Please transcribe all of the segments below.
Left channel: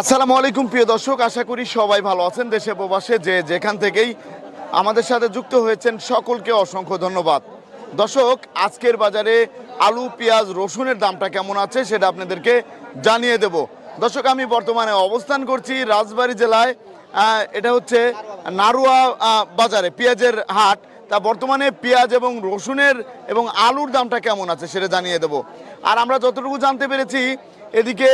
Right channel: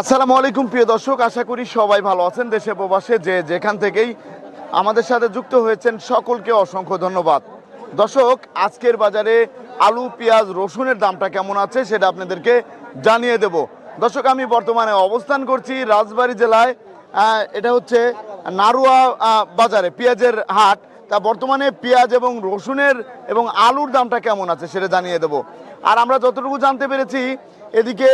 আসসালামু আলাইকুম, প্রিয় দর্শক। আশা করি সবাই ভালো আছেন দেশে প্রবাসে। যে যেখান থেকেই আমাদের সাথে যুক্ত হয়েছেন, সকলকে অসংখ্য ধন্যবাদ। দর্শক, আজকের বাজারে আলু, পেঁয়াজ, রসুনের দামটা কেমন আছে সেটা আপনাদেরকে জানিয়ে দেব। দর্শক, আমি বর্তমানে অবস্থান করছি রাজবাড়ী জেলায়। এটা হচ্ছে নারুয়া বাজারে, পেঁয়াজের হাট। তা বর্তমানে পেঁয়াজ এবং রসুনের এবং আলুর দামটা কেমন আছে সেটা জানিয়ে দেব। আর আমরা যতটুকু জানতে পেরেছি এদিকে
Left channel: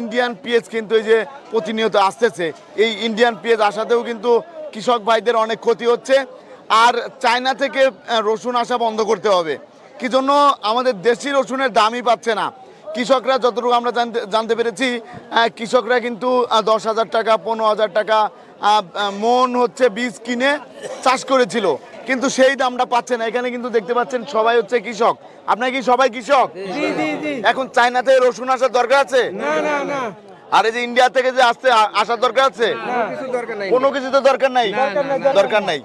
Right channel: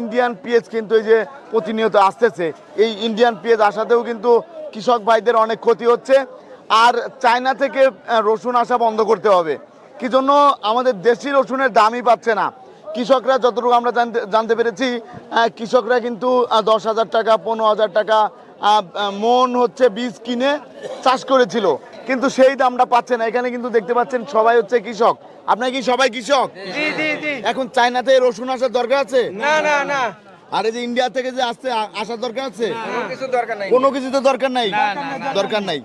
ইন্ডিয়ান পেঁয়াজ কিন্তু এই যে প্রতিনিয়ত আসতেছে। এই ইন্ডিয়ান পেঁয়াজ আসাতেও কিন্তু কৃষক ভাইদের অনেক ক্ষতি হচ্ছে। আর চায়না থেকে রসুন আসা বন্ধ করতে হবে। কি জন্য? আমাদের দেশি রসুনের দামই পাচ্ছে না। কৃষকরা যতটুকু আমরা জানতে জানতে পেরেছি কৃষকরা কিন্তু দশ হাজার টাকা পনেরো হাজার টাকা মন হচ্ছে বীজ কিনে চাষ করেছিল। কিন্তু সেই দামটা পাচ্ছে না। এখানে কিন্তু দেখতে পাচ্ছেন সবাই হচ্ছে কৃষক। আপনার কি সবাই কৃষক? এখন চায়নাতে রসুন আসার দরকার আছে? না না না। আর এই যে ইন্ডিয়া থেকে যে আসতে আসার দরকার আছে? কিছু দরকার নেই। কোনো কিছু তো দরকার নাই? দরকার নাই।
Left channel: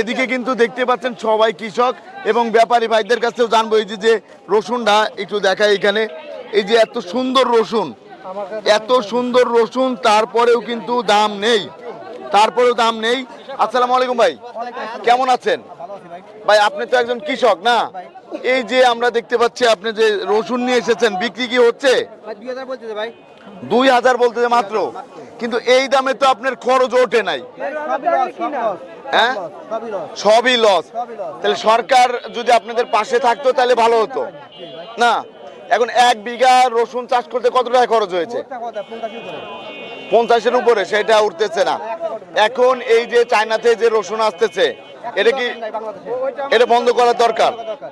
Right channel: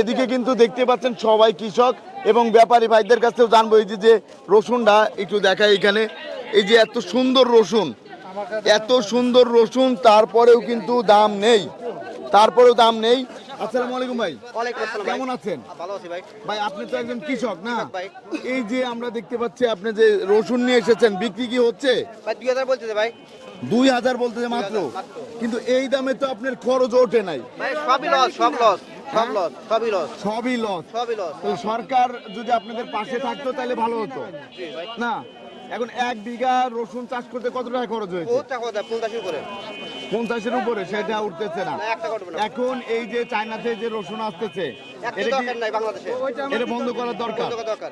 এদিকে কিন্তু দেখতে পাচ্ছেন সবাই কৃষক এবং ব্যাপারী ভাইদের কাছেও জানব এই যে যে রসুনটা একটু দেখাই এখানে। এই যে এত সুন্দর রসুন এত সুন্দর রসুন তারপরেও কিন্তু দাম নেই। তারপরেও দাম নেই। আসসালামু আলাইকুম ভাই। কেমন আছেন? ভাই আপনি তো একজন কৃষক না? এই যে আমরা দেখতে পাচ্ছি আপনি যে রসুন নিয়ে এসেছেন বিক্রি কি হচ্ছে? ভাই। দুই হাজার বলতে মাত্র। কিন্তু এই দামে তো আপনার খরচ ওঠে নাই। সবই লস হ্যাঁ? তাহলে সরকার যদি আপনাদের পাশে থাকতো তাহলে ভালো হতো। না এখন এক বিঘা রসুন চাষ করতে কত টাকা খরচ হয়েছে? পঞ্চাশের উপরে। সেটা উঠতেছে না। এখন এই যে চায়নাতে যে রসুন আসতেছে এটা কি এটা বন্ধ করার দরকার দরকার।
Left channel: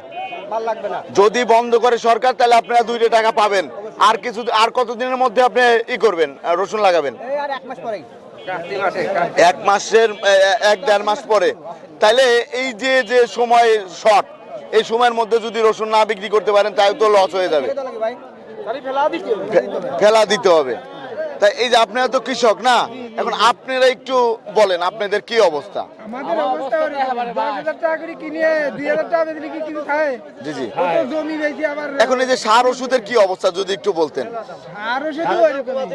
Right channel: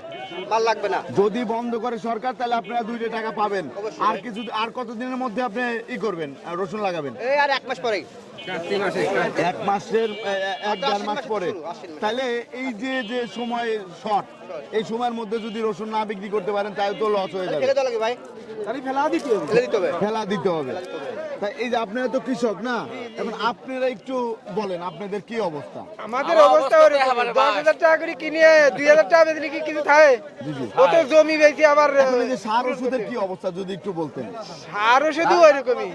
ভালো লাগবে না। যদি বন্ধ করে সরকার তাহলে আপনারা দুইটা টাকা পাবেন। আর কিছু আর কতদিনের মধ্যে আপনি ই করবেন রসুন লাগাবেন? এক মাস পরেই। কার্তিক মাসে এক মাসের এক দেড় মাস পরে। তাহলে এই যে যে সময় শর্ট এই সময়ের মধ্যে যদি রসুন না বিক্রি করতে পারেন তাই তো লস হয়ে যাবে। ফেলা দিতে হবে। তাই এই যে আপনারা তো কৃষক না? এখন আপনারা একটু বলেন আপনাদের কি অবস্থা? আমাদের অবস্থা দশ হাজার টাকা করে কিনে দুই হাজার টাকা বেতনে কি কিছু থাকে? জি জি। জমি বেশি আবার? এখন এই যে সার ওষুধের কি অবস্থা যদি একটু বলতেন। শুধু ওইরকমই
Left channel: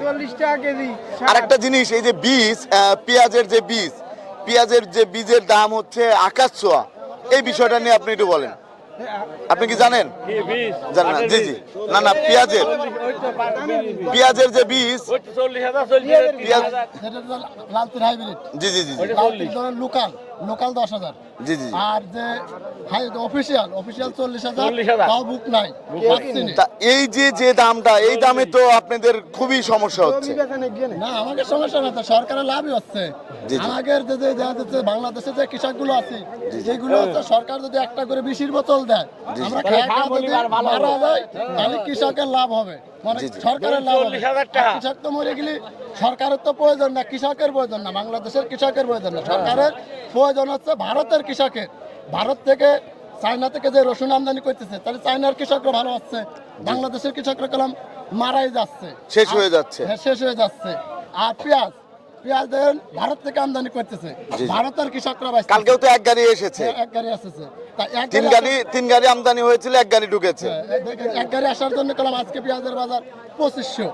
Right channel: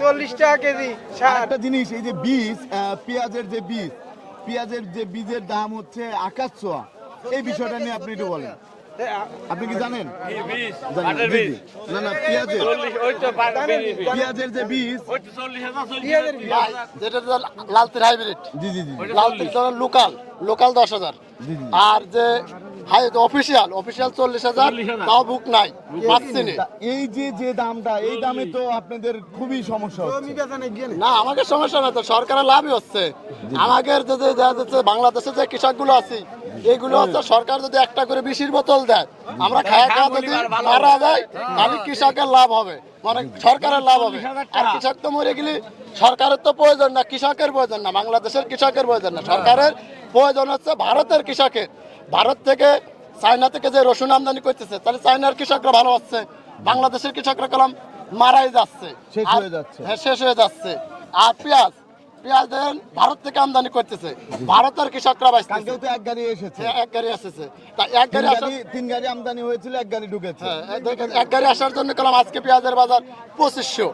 চল্লিশ টাকা কেজি আর একটা জিনিস এই যে বীজ পেঁয়াজের যে বীজ পেঁয়াজের যে বীজের দাম হচ্ছে আকাশ ছোঁয়া। এই বিষয়টা নিয়ে আপনি একটু বলেন। আপনি কি জানেন? জানেন না। জি জি। না না পেঁয়াজের। পেঁয়াজের যে বীজ লালতির হাইব্রিড জি জি জি। লোকাল লোকাল দশ হাজার। আর যে হাই অফিসিয়াল অফিসিয়াল চল্লিশ হাজার তাও বুক নাই। এই যে যে দামটা এই দামে তো আপনাদের খুবই সমস্যা হচ্ছে। না আমাকে সমস্যা না তো সরকারের লাভই হচ্ছে। আমাদের যে যে- যে- যে বাংলাদেশে যে কৃষকগুলো আছে এইগুলো হচ্ছে সরকার যদি একটা করে বিশির বোতল দেয় আমরা খাওয়া খাওয়া যদি মারা যায় তাহলে কৃষকের লাভ হবে। মানে সরকারের লাভ হবে। কৃষক তো মরে গেলে সরকারের তো প্রয়োজন না কৃষকের প্রয়োজন না বাংলাদেশের কৃষকের প্রয়োজন না। সরকারের প্রয়োজন হচ্ছে ভারতের কৃষকের। ভারত থেকে চায়না থেকে যে রসুন আমদানি করতেছে তাহলে চায়নার কৃষকরা ভালো হচ্ছে বাংলাদেশের কৃষকরা কলাম মারাই যাচ্ছে। শেষ হয়ে যাচ্ছে। হ্যাঁ, শেষ হয়ে যাচ্ছে। আর পেঁয়াজ পেঁয়াজ দেখেন ভারত থেকে আমদানি করতেছে। ভারতের কৃষকরা। কালকেও তো এক গাড়ি এসেছে। এক গাড়ি আসতেছে তা এক তিন গাড়ি তিন গাড়ি আমদানি হয়েছিল এক গাড়ি ঢুকেছে। এক গাড়ি আসার জন্য কলাম আজকে পেঁয়াজের বাজার পঁচিশশো।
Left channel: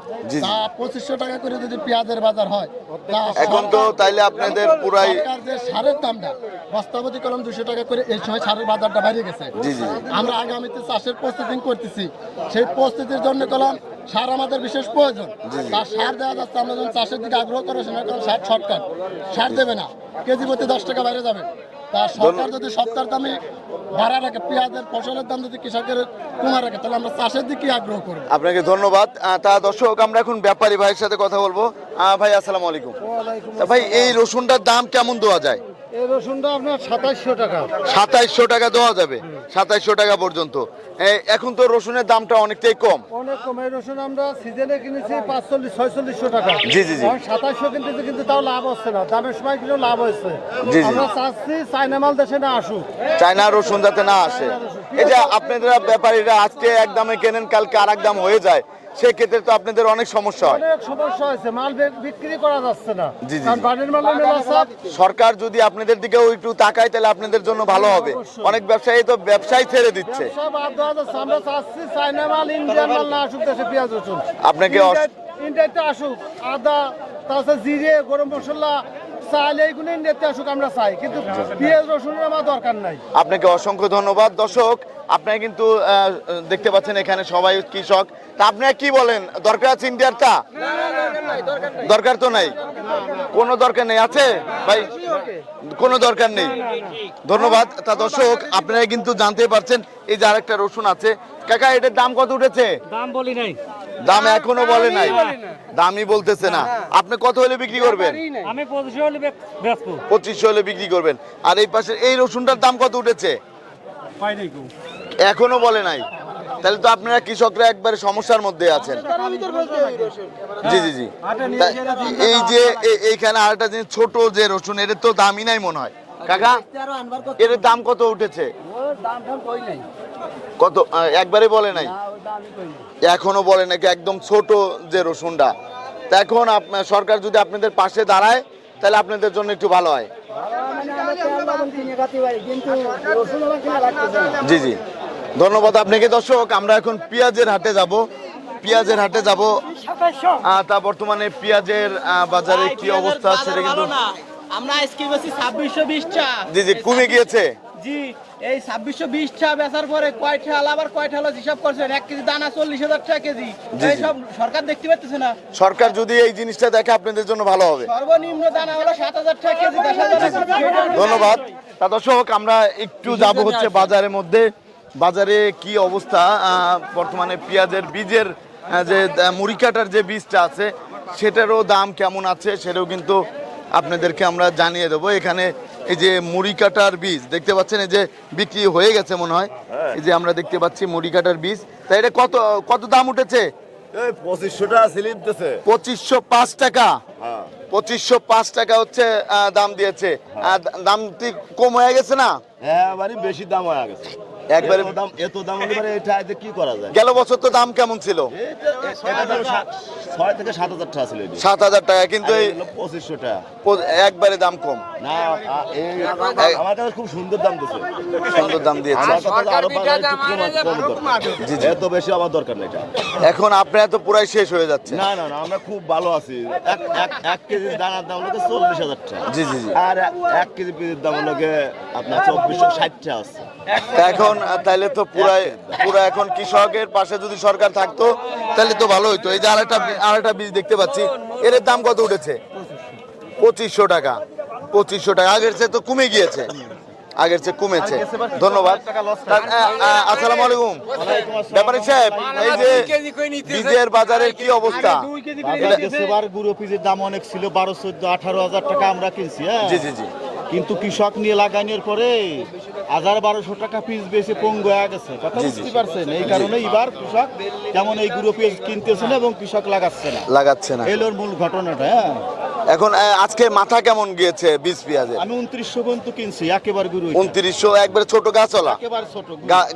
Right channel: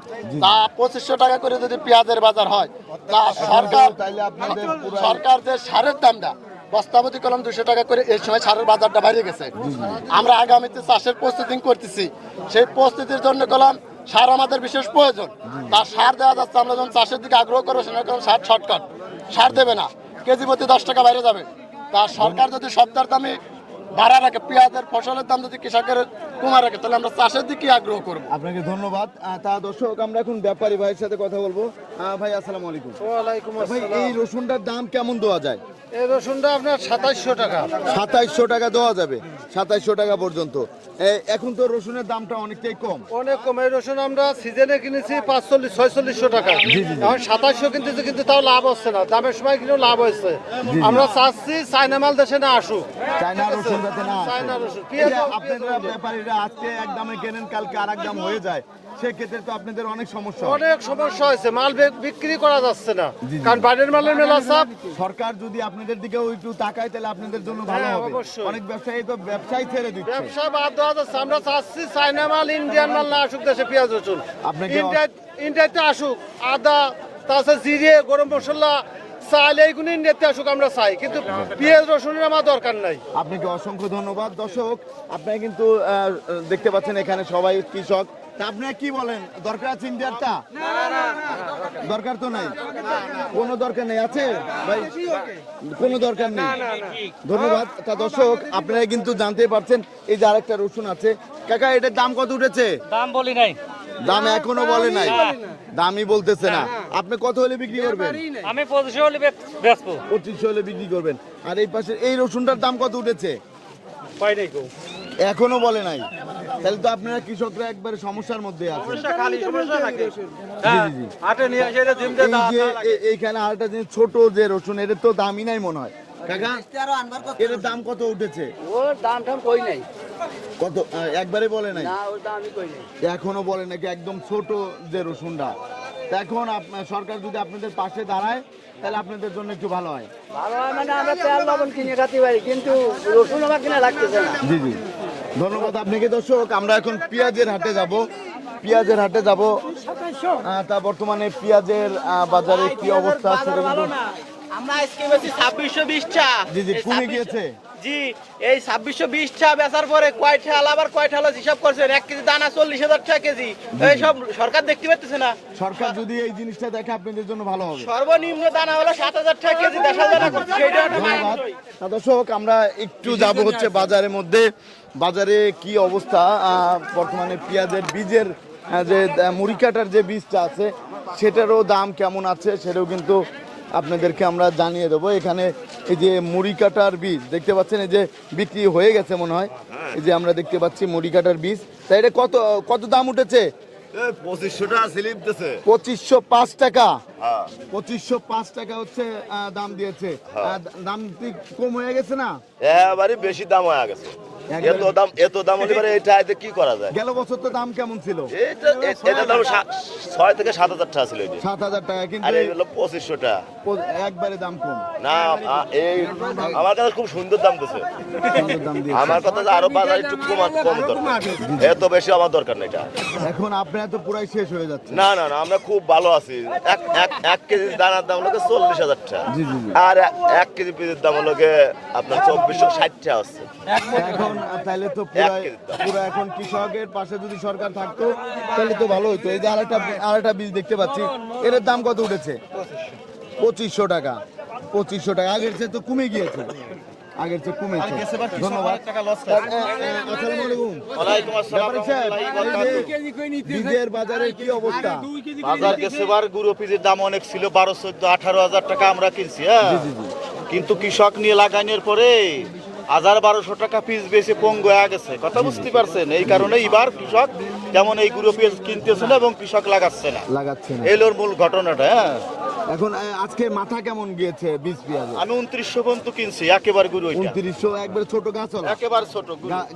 তা পঁচিশশো টাকা করে যদি পেঁয়াজের বাজার হয় এখন তো তাইলে আপনাদের পুরাই সরকার যে সারের দামটা বস্তাপতি কলম দুশো টাকা করে এই সময় সারের বাজারটা বাড়িয়ে গেছে। আমরা আগামীতে চাষের প্রস্তুতি করতেছি। সেই প্রস্তুতির জন্য কলম সার আমাদের বিশেষ প্রয়োজন। তার সার দেওয়া যাচ্ছে আমরা যখন চাষের দিকে আগ্রহ করব সেটা সার শর্টকাট। সার দেবে না। কেজি প্রতি দশ টাকা বাইরে যাবে। তা সরকার যদি সপ্তাহের দামে ভাড়া রাখে পেঁয়াজের ফসলের দাম যদি কৃষকের কমা রাখে তাহলে আমরা চাষের দিকে আগ্রহ করব। আপনাকে ধন্যবাদ। তা দর্শক আমরা এখন ব্যাপারী ভাইয়ের সাথে কথা বলব। আহ, ভাই আসসালামু আলাইকুম। তা ভাই এই রসুনটার দাম কেমন দেওয়া যায়? রসুনটা আপনার সাতাইশশো টাকা। সাতাইশশো টাকা দেওয়া যাবে সাতাইশশো টাকা পর্যন্ত। এখন তো রসুনের দামটা অনেকটাই কম। অনেক কম এই রসুন আমরা সিজনে কিনেছি পাঁচচল্লিশ ছয়চল্লিশশো টাকা। জি, জি, জি। সাতাইশশো কিনতেছে কিন্তু তাও লাভ হচ্ছে না। দামের সময় কিন্তু লাভ হচ্ছে। আমরা চাচ্ছি চাইনা মাল দেশে না আসুক। চায়না রসুন যাতে না আসে। যে আপনারা ব্যাপারীরা আজকে এক দামে কেনেন কালকে আর এক দাম হয়ে যায়। সেক্ষেত্রে তো আপনাদের অনেক সমস্যা অনেক সমস্যা হয়েছে মাল বিক্রি করা যাচ্ছে না। কারণ বাইরের মালের মেলা চাপ সরকার যদি আপনাদের দিকেও একটু তাকায় তাহলে আপনাদের জন্য ভালো হবে। অনেক ব্যবসায়ী তো ব্যবসায় ছেড়ে দিচ্ছে। আমরা চাচ্ছি চাইনা মাল ইন্ডিয়ান মাল না আসুক দেশে পেঁয়াজ রসুন আপনাকে ইন্ডিয়াতে আসুক আদা তাছাড়া জিরে গরম মশলা চাল এইগুলো ইন্ডিয়াতে আসুক আমরা চাই। কিন্তু পেঁয়াজ রসুনের আমার দরকার নাই। আপনাকে অসংখ্য ধন্যবাদ। দর্শক আপনারা কিন্তু আহ, দেখতে পাচ্ছেন এখানে সবাই কৃষক। তা আপনারা কি বলেন দরকার আছে ইন্ডিয়ারটা দরকার তো নাই। কোনো দরকার নেই আছে? ভাই কোনো দরকার নেই। ধন্যবাদ। তা দর্শক আপনারা কিন্তু জানতে পারছেন এই যে আরেকটা রসুন আছে। কাকা এটার দাম কত উঠেছে? দাম বলি নাই। দাম এখনও বলে নাই। দামই বলতেছে না। আপনি কত হলে বিক্রি করবেন? আমি পঁচিশশো হলে পঁচিশশো হলে বিক্রি করবেন। আর এই পাশে এই রসুনটার দাম কত উঠেছে? পাই নাই গো। এখনও বলে নাই। তাহলে তো আপনারা কৃষকরা একবারে সমস্যার মধ্যে আছেন। জি জি জি। এই যে এইখানে আরেকটা জিনিস ছোট যে রসুন এর তো দামই নাই মনে হয়। কাকা এর দাম কত উঠেছে? কত একবারে বলে নাই? এখনও বলে নাকি একদম ছোট যে রসুনটা। তা এখন সরকার যদি আপনাদের পাশে দাঁড়ায় তাহলে আপনাদের জন্য একটু ভালো হয়। জি জি। ধন্যবাদ আপনাকে। দর্শক আমরা এখন পেঁয়াজের হাটে যাব। পেঁয়াজের হাটে যাব। তা বর্তমানে পেঁয়াজের বাজারে কি অবস্থা সেটা কিন্তু আমরা আজকে বেশি ছাব্বিশশো বিশটা। জি জি কমে গিয়েছে। জি এই ছাব্বিশশো বিশটা বেচার পরে কয় ঠেলা আবার কয় ঠেলা হিসাব করছেন? এক কেজি দানা চল্লিশ হাজার টাকা কেজি। এই সব সরকার দেখতে পাচ্ছে না। সরকার যদি এই জিনিসটা দেখে আপনাদের জন্য ভালো হবে। সর্বনিম্ন দানা হলো সাত হাজার টাকা কেজি দশ হাজার টাকা ধন্যবাদ। তা দর্শক আমরা একটু যাব হচ্ছে বাজারের মধ্যে। বাজারে কি অবস্থা? বর্তমানে পেঁয়াজের বীজের যে আহ, মুড়ি কাটার যে বীজটা আছে সেটারও দাম কেমন আছে সেটাও কিন্তু আপনাদেরকে আমরা জানিয়ে দেবো। এখানে এই যে মুড়ি কাটার বীজ দেখতে পাচ্ছেন এই যে বিক্রি হয়ে গেছে মনে হয়। এই যে আমরা দেখতে পাচ্ছি মুড়ি কাটার বীজ। তাই এটা কত কত দাম উঠেছে? পঁচিশশো পাঁচ টাকা। হ্যাঁ। পঁচিশশো পাঁচ টাকা হচ্ছে দাম দিয়েছে। দাম কি কম হয়ে গেছে না? বেশি দাম হয়ে গেছে। একবারে- এত দাম এত দাম হতে পারে এটা এতে কি করা যায়? গেল বছর তো দাম কেমন ছিল? এটা এটা দাম ছয় থেকে সাত হাজার টাকা ছিল সাত হাজার টাকা কিন্তু এই পঁচিশশো টাকা একবারে দাম কম। না এই আমার কাছে খুব সুন্দর দাম দিছে। সুন্দর দাম দিয়েছে। আমার কাছে আরও কম কম দরকার। এত বেশি আমার দরকার নেই এটা। এখন আপনার তো পুরাই শেষ হয়ে যাচ্ছে। না না না আমরা খুব ভালো আছি। এক এক এক কেজি দানার দাম হলো চল্লিশ হাজার টাকা। জি, জি। আর এক- কেজি পেঁয়াজের দাম হলো গিয়ে আপনার চব্বিশশো ষাট টাকা আছে। এখন তাহলে তো পুরাই পুরো এখন কৃষকের পাশে যদি সরকার থাকতো তাহলে তো ভালো হইতো। এই যে আরেকটা আরেকটা বীজ দেখতে পাচ্ছি এর দাম কত উঠেছে? পঁচিশশো টাকা পঁচিশশো টাকা। আগের চেয়ে তো কমে গিয়েছে। আগের চেয়ে কমেছে। ধন্যবাদ। আসসালামু আলাইকুম। ব্যাপারী সাহেব এই যে বীজের বাজারের কি অবস্থা? বাজারে সেবার গুঁড়ো পিসের দাম অনেক ছিল বারো চোদ্দ আঠারো হাজার টাকা আমরা কিনছি হ্যাঁ? জি জি জি। কিন্তু কৃষক নিয়ে লাগানোর পরে হাজার বারোশো টাকা পিস বেশি পঙ্গু হয়ে গেছে। কথা বুঝতে পারছেন? এই কারণে এবার কৃষক তেমন এই গুঁড়ো পিস কিনতেছিল এবং কৃষক লাগাচ্ছে না। লাগাচ্ছে না। এলোর মূল ঘটনাটা হ্যাঁ। এখন আজকে মাথা কেমন গিয়েছে বীজ পেঁয়াজে আমি উনত্রিশশো পর্যন্ত কিনছি একেবারে এটা। উনত্রিশশো একবারে ছোট গাছওয়ালা একেবারে ছোট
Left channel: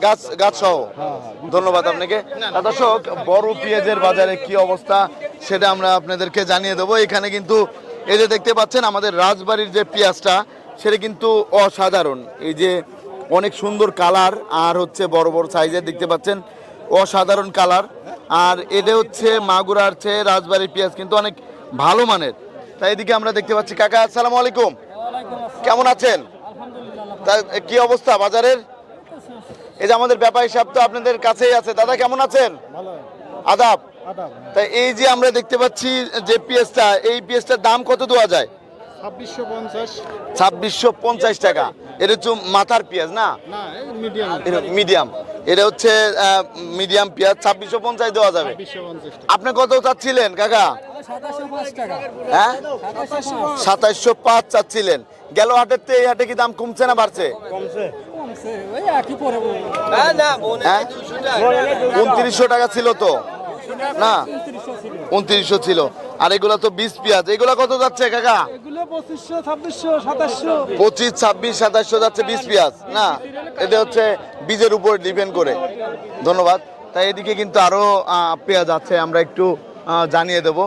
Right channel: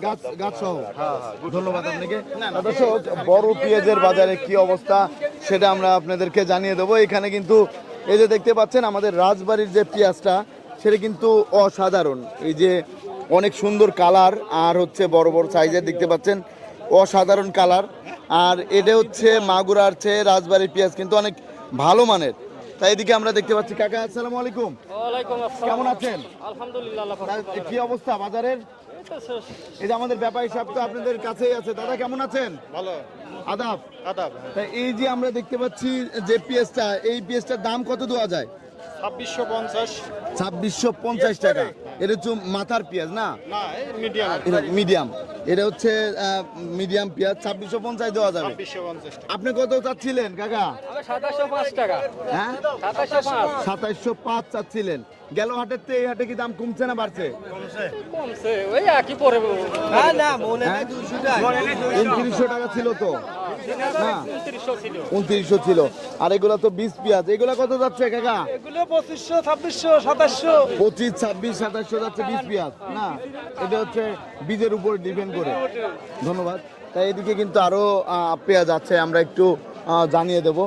গাছ গাছ সহ? ধন্যবাদ আপনাকে। দর্শক বড় পেঁয়াজের বাজারে কি অবস্থা সেটা আমরা আপনাদেরকে জানিয়ে দেবো। এখানে কিন্তু এই যে দেখতে পাচ্ছেন আমাদের রাজবাড়ির যে পেঁয়াজটা সেটা কিন্তু অসাধারণ। এই যে অনেক সুন্দর কালার আর হচ্ছে বড় বড় সাইজের দেখতে পাচ্ছেন। অসাধারণ কালার। আর এটা হচ্ছে মাগুরার চেয়ে রাজবাড়ির পেঁয়াজ কিন্তু অনেক ভালো মানের। তাই এদিকে আমরা দেখতে পাচ্ছি কাকা আসসালামু আলাইকুম। কেমন আছেন? কি অবস্থা বাজারের? এই যে আমাদের ব্যাপারী সাহেব তো আপনাদের কাছেই আছে। দাদা কেমন আছেন? আদাব। তাই এই যে আমরা দেখতে পাচ্ছি যে পিএসটা এই পিএসটার দাম কত দেওয়া যায়? ছাব্বিশশো পঞ্চাশ। ছাব্বিশশো পঞ্চাশ টাকা। এটা হচ্ছে মাথার পেঁয়াজ না? না মিডিয়াম। মিডিয়াম। এটা হচ্ছে মিডিয়াম পেঁয়াজ ছাব্বিশশো পঞ্চাশ দেওয়া যাবে। আপনি কত চাচ্ছিলেন কাকা? সাতাশশো পাঁচ টাকা। হ্যাঁ? সাতাশশো পাঁচ। সাতাইশশো পাঁচ চাচ্ছিলেন। গেল হাটের তো এই হাটে কি দাম কমছে না বাড়ছে? কমছে। ওই একই করে হ্যাঁ? উনত্রিশশো টাকা ছিল তো। না? উনত্রিশশো ছিল। আর এগুলো তো বিশ পেঁয়াজ। এগুলো কত যাচ্ছে কাকা? পঁচিশ ছাব্বিশ সাতাশশো যাচ্ছে বিশ পেঁয়াজ না? এটা হচ্ছে বীজের উপর ডিপেন্ড করে। ধন্যবাদ। তাই এদিকে কিন্তু আরও আহ, পেঁয়াজ আছে আমরা একটু জানিয়ে দেব।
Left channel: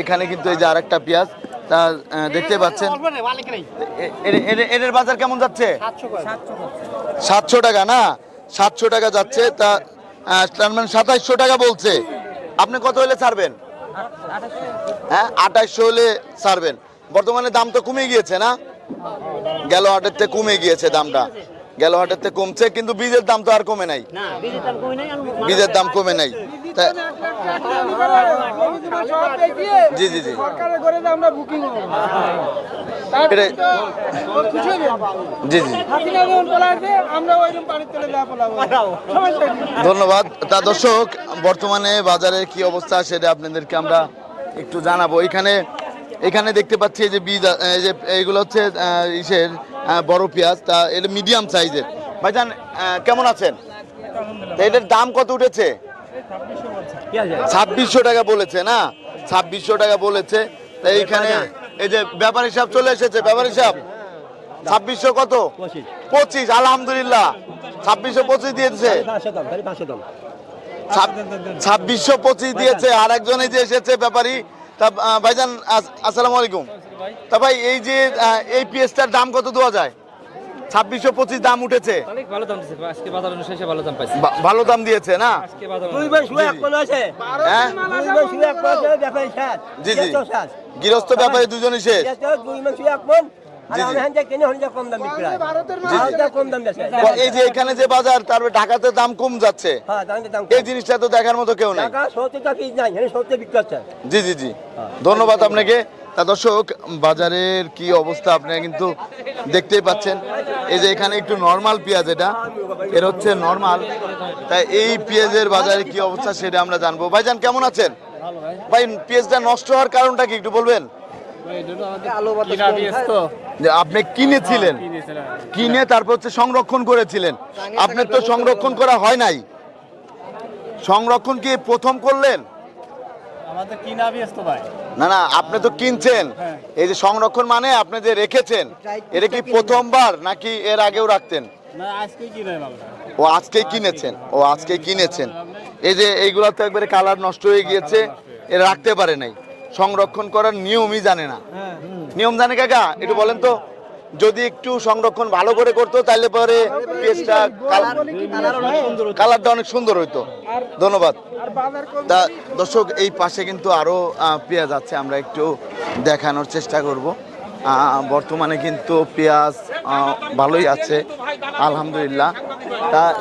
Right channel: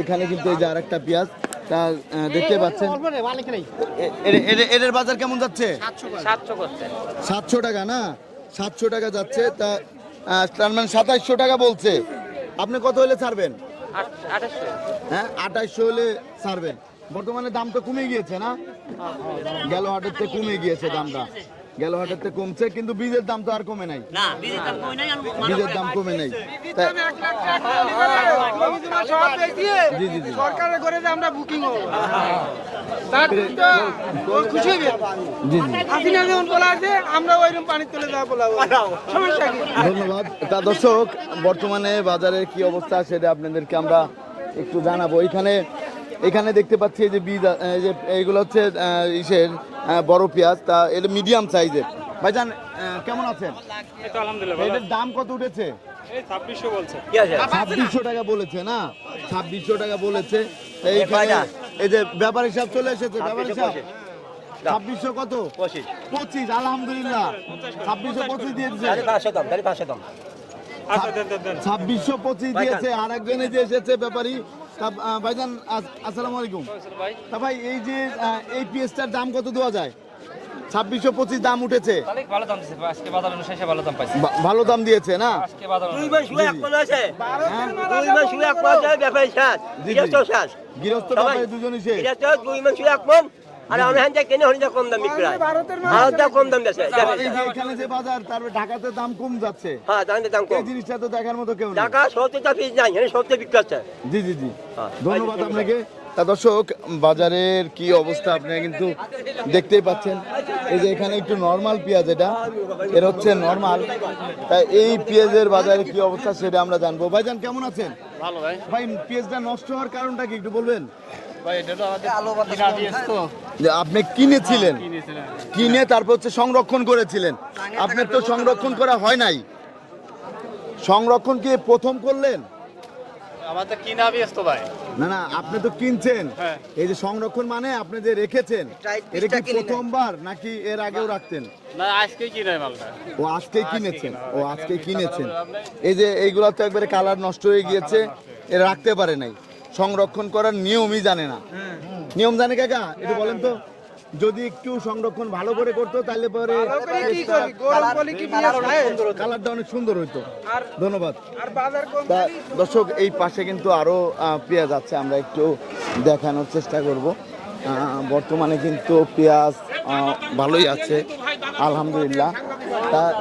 এখানে কিন্তু এই যে আরেকটা পেঁয়াজ তা দেখতে পাচ্ছেন? এর বাজার কেমন যাচ্ছে? সাতশো টাকা না? সাতশো টাকা যাচ্ছে তা তার মানে সাতাইশশো টাকা বলছে। আপনি কত হলে ছাড়বেন? হ্যাঁ আঠাশশো হলে ছাড়বেন। বর্তমানে দাম তো কমে গিয়েছে না? গেল হাটের থেকে কমে গিয়েছে দামটা। গেল হাটের থেকে কমছে কিন্তু বীজের দাম তো আর কমে নাই। বীজের দাম কমে নাই জি জি জি। জি জি। ধন্যবাদ। তা দর্শক বর্তমানে বাজারের কি অবস্থা সেটা আপনাদেরকে আমরা একটু জানাব। এখানে এখানে দেখতে পাচ্ছি যে বীজ এই যে এইগুলো হচ্ছে ইসের বড় পেঁয়াজ। তা এটা মিডিয়াম সাইজের ভাইজান কেমন আছেন? এটার দাম কত উঠেছে? ছাব্বিশশো টাকা বলেছে না? ছাব্বিশশো টাকা বলেছে। তা এইখানে এই যে ব্যাপার হিসাব চলে এসেছে ব্যাপার হিসাব ছাব্বিশশো কত? পঁচিশ। আলহামদুলিল্লাহ। ছাব্বিশশো পঁচিশ দিয়েছে। ছাব্বিশশো পঁচিশ দিয়েছে আর একজনে যে এসেছে ব্যাপারী তা ভাইজান আসসালামু আলাইকুম। তা ভাই এই যে এই পিএসটার দাম কত দেওয়া যায়? ছাব্বিশশো পঁচিশ দাম উঠেছে। ভালো দাম দিছে আজকে বাজার শেষে ভালো দাম পাইছি। বা- ভালো দাম দিয়েছে না? আজকে বাজার হ্যাঁ? জি জি। গৃহস্থ ব্যাপারে দুজনই শেষ। এই যে এখানে যে বাজার তারপরে ঢাকাতে দাম কম যাচ্ছে। এই জিনিসটা তো দেখার মতো কেউ না জি জি জি। ধন্যবাদ আপনাকে। তা দর্শক বাজারের কি অবস্থা আপনারা কিন্তু দেখতেই পাচ্ছেন। এই যে এখানে একটু নর্মাল পেঁয়াজ এটা এর হচ্ছে নর্মাল তাই এই পেঁয়াজের বাজারে কি অবস্থা সেটা আমরা জানব। ভাইজান কেমন আছেন? ভাই। পেঁয়াজটা নষ্ট হওয়ার কারণটা কি একটু বলবেন? যে আপনি কিনেছিলেন। কিনে তারপর হচ্ছে সংরক্ষণ করেছিলেন। আপনার তো সংরক্ষণ করা হয় নাই। সংরক্ষণ কি প্রথম করলেন আমাদের কিনা ব্যস্ত ভাই না না আপনি তো কিনছেন। এই যে সংরক্ষণ মানে আপনি যে রেখেছেন এটা কি প্রথমবার নাকি এর আগেও রাখতেন? না আজকে ও আজকেই কিনেছেন ও আজকেই কিনেছেন। এই যে এইগুলো তো একবারে কালার নষ্ট হয়ে গিয়েছে এ রাখতে পারে নাই। সংরক্ষণ করার নিয়মই জানে না। নিয়ম জানে কাকা? একটু বলেন তো। যদি একটু সংরক্ষণ ভালো করে করতো তাহলে পরে পেঁয়াজটা বলি কি পেঁয়াজ ভাই? কালারটা অনেক সুন্দর হইতো। ধন্যবাদ। তা দর্শক, এই পাশে কিন্তু আরও পেঁয়াজ আছে, আমরা একটু দেখানোর চেষ্টা করব। বর্তমানে কিন্তু পেঁয়াজ ভালোই আছে, আলহামদুলিল্লাহ।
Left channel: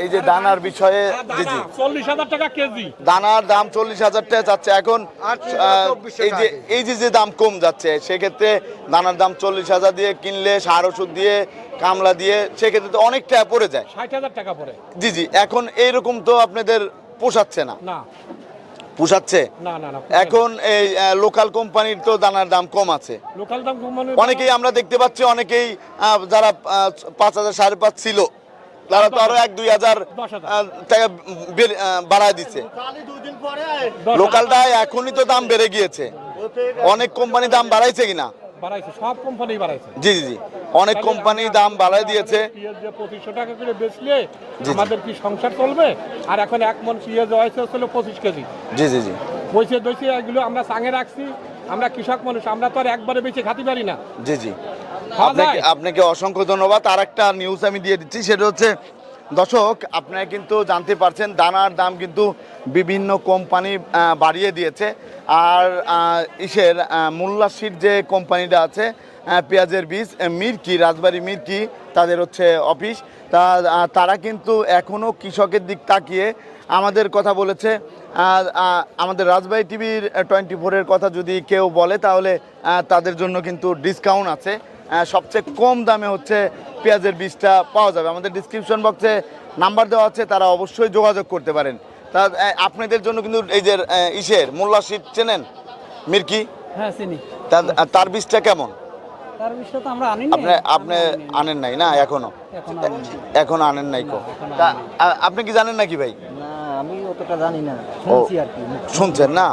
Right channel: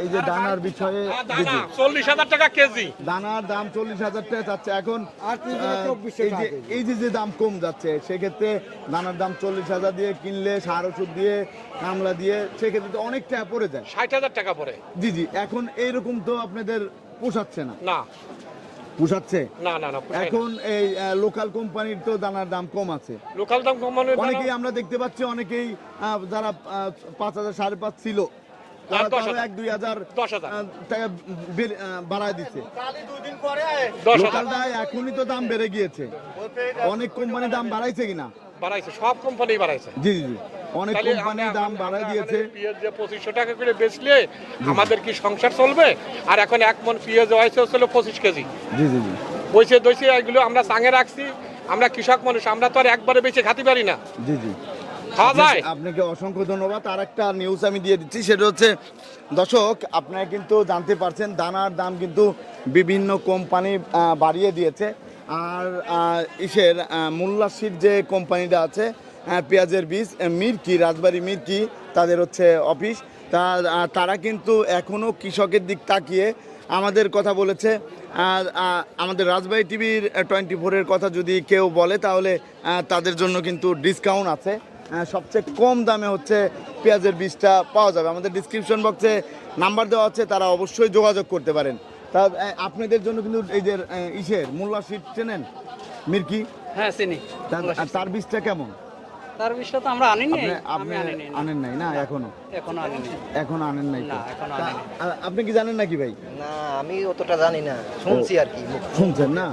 এই যে দানার বিষয়ে জি জি। চল্লিশ হাজার টাকা কেজি। দানার দাম চল্লিশ হাজার টাকা যাচ্ছে। এখন এই যে এই যে যে দাম কম যাচ্ছে সেক্ষেত্রে দানার দাম চল্লিশ হাজার দিয়ে কিনলে সার ওষুধ দিয়ে কামলা দিয়ে সেক্ষেত্রে তো অনেক টাকা পড়ে যায়। ষাট হাজার টাকা পরে জি জি এখন এইরকম তো আপনাদের পোষাচ্ছে না। না। পোষাচ্ছে? না না না এখন এই লোকাল কোম্পানির তো দানার দাম কম আছে। লোকাল দাম কম মানে অনেকেই আমরা দেখতে পাচ্ছি অনেকেই যারা পাঁচ হাজার সাড়ে পাঁচ ছিল তারা তো আরও এক দুই হাজার টাকা বাড়ায় দিচ্ছে। লোকালটা এখনই তো দাম বেড়ে গিয়েছে। অনেক কোম্পানি দাম বাড়াইছে কিনা? বাড়াইছে সব কোম্পানি বাড়াইছে। জি জি জি। অনেক কোম্পানি দাম বাড়াই দিয়েছে। পঁচিশশো টাকা করে বেচলে আমাদের কি সংসার চলবে? আর এখন এক মন পেঁয়াজ হয়েছে হচ্ছিল পঁচিশ কেজি। জি জি জি। বইছে দইছে এগুলো আমরা সাঙে রাখছি আমরা কৃষক মানুষ আমরা তো আর একবারে বেঁচে খাতে পারি না। জি জি। আপনাকে অসংখ্য ধন্যবাদ। আর একটা নিউজ আমি দিয়ে দিচ্ছি সেটা হচ্ছে দর্শক আপনারা কিন্তু জানতে পারছেন দানার দাম কিন্তু বিভিন্ন কোম্পানি বাড়িয়ে দিয়েছে। আর ইসের মোল্লাশির যে কোম্পানিটা আছে পেঁয়াজের বীজ মির্কি রাজবাড়ি মির্কি তাদের হচ্ছে অফিস তা তারা কিন্তু এখনও কৃষকের দিক তাকিয়ে আমাদের কথা বলেছে আর আমাদের রাজবাড়ি টিভির টোয়েন্টি ফোরের কথা যদি কেউ বলে তাহলে তাদের জন্য কিন্তু ডিসকাউন্ট আছে। সবচেয়ে কম দামে হচ্ছে পেঁয়াজের বীজটা পাওয়া যাবে। আমাদের ডিসক্রিপশন বক্সে নাম্বার দেওয়া আছে তারা অবশ্যই যোগাযোগ করতে পারেন। তা আপনাদের জন্য কিন্তু এই যে ইসের মোল্লা শীত চেনেন? মির্কি? হ্যাঁ চিনি। তার- তার বীজটা কেমন? তার বিষয়ে তো আমরা আনি আপনি আপনি আনেন। নাই না এখনও? এখন এখন আনেন নাই কো। আপনি কি জানেন নাকি ভাই? না আমি অতটা জানি না। শুনছি আর কি। শুনছেন না?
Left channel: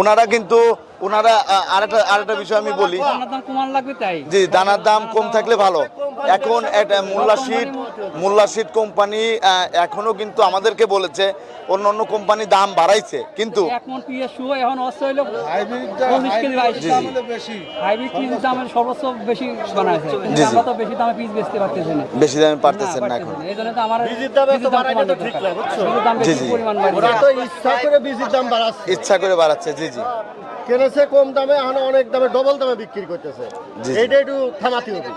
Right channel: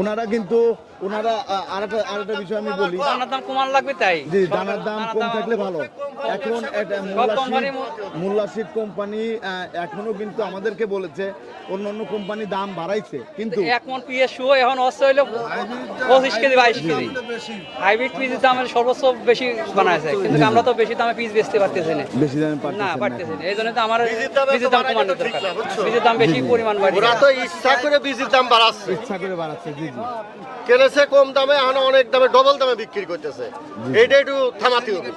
ওনারা কিন্তু ওনারা আরেকটা আরেকটা বিষয় আমি বলি। দাম কমান লাগবে তাই? জি দানার দাম কম থাকলে ভালো। এখন একটা মোল্লাশিদ মোল্লাশিদ কোম্পানি আহ, এখনও কিন্তু আমাদেরকে বলেছে অন্য অন্য কোম্পানি দাম বাড়াইছে কিন্তু এখন অস্ত্র হইল পঁচিশ কেজি বাইশ হাইব্রিড পিস দাম সর্বোচ্চ বেশি বানাইছে কিন্তু। আমরা তো বেশি দামে পিস বেচতে পারতেছি না। বেশি দামে পারতেছেন না এখন। এই জন্য তো আমার বীজের দামে বীজের দাম কমানো ঠিক দরকার। না, বুঝছ? বীজের দাম বেশি। পরিমাণ বাড়িয়ে ওরা তো ইচ্ছা করে বীজের দাম বাড়াচ্ছে। ইচ্ছা করে বাড়াচ্ছে জি জি। কিনেছে কম দামে এখন অনেক দামে ডবল দামে বিক্রি করতেছে। জি। এইটা একটু থামাতে হবে।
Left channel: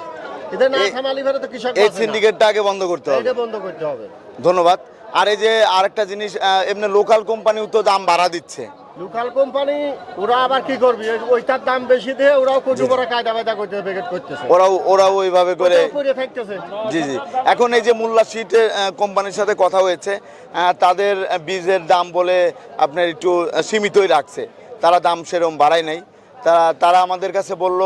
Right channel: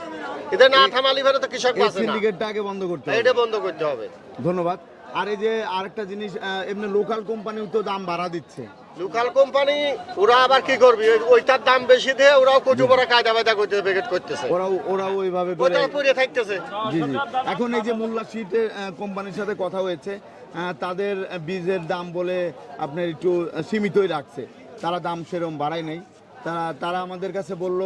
এটা না থামালি ফেলে তো কৃষক এই সিন্ডিকেটটা আগে বন্ধ করতে হবে। এটা বন্ধ করতে হবে। ধন্যবাদ। আর এই যে আরেকটা জিনিস এমনি লোকাল কোম্পানিও তো দাম বাড়া দিচ্ছে। লোকাল কোম্পানি ওরা আবার কি করবে? ওইটার দাম বেশি দিয়ে ওরাও কচু বড় কায়দা বায়দা করতে প্যাকেট করতেছে। ওরাও ওরাও ওইভাবে করে থাকতেছে। জি জি। এখন এই যে মোল্লা সিটের কোম্পানির সাথে কথা হয়েছে তাদের বীজের দাম বলে আপনার একটু সীমিতই রাখছে। তারা দাম সেরকম বাড়ায় নাই। তারা তারা আমাদের কাছে বলল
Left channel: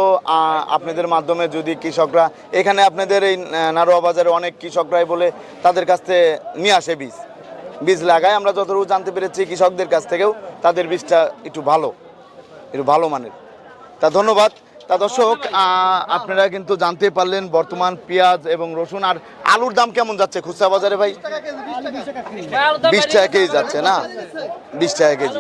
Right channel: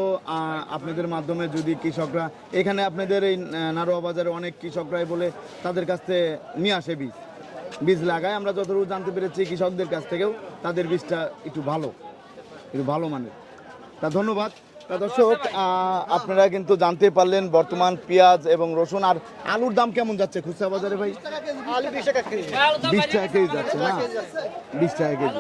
আপনাদের মাধ্যমে যদি কৃষকরা এখানে আপনাদের এই নারোয়া বাজারে অনেক কৃষকরাই বলে তাদের কাছ থেকে নিয়ে আসে বীজ। বীজ লাগায়। আমরা যতটুকু জানতে পেরেছি কৃষকদের কাছ থেকেও তাদের বীজটা একটু ভালো একটু ভালো মানের। তা ধন্যবাদ। তা দর্শক আপনারা কিন্তু জানতে পারলেন বর্তমান পেঁয়াজ এবং রসুন আর আলুর দাম কেমন যাচ্ছে খুচরা বাজারে ভাই? বিশ টাকা কেজি। যাচ্ছে না? বিশ টাকা কেজি।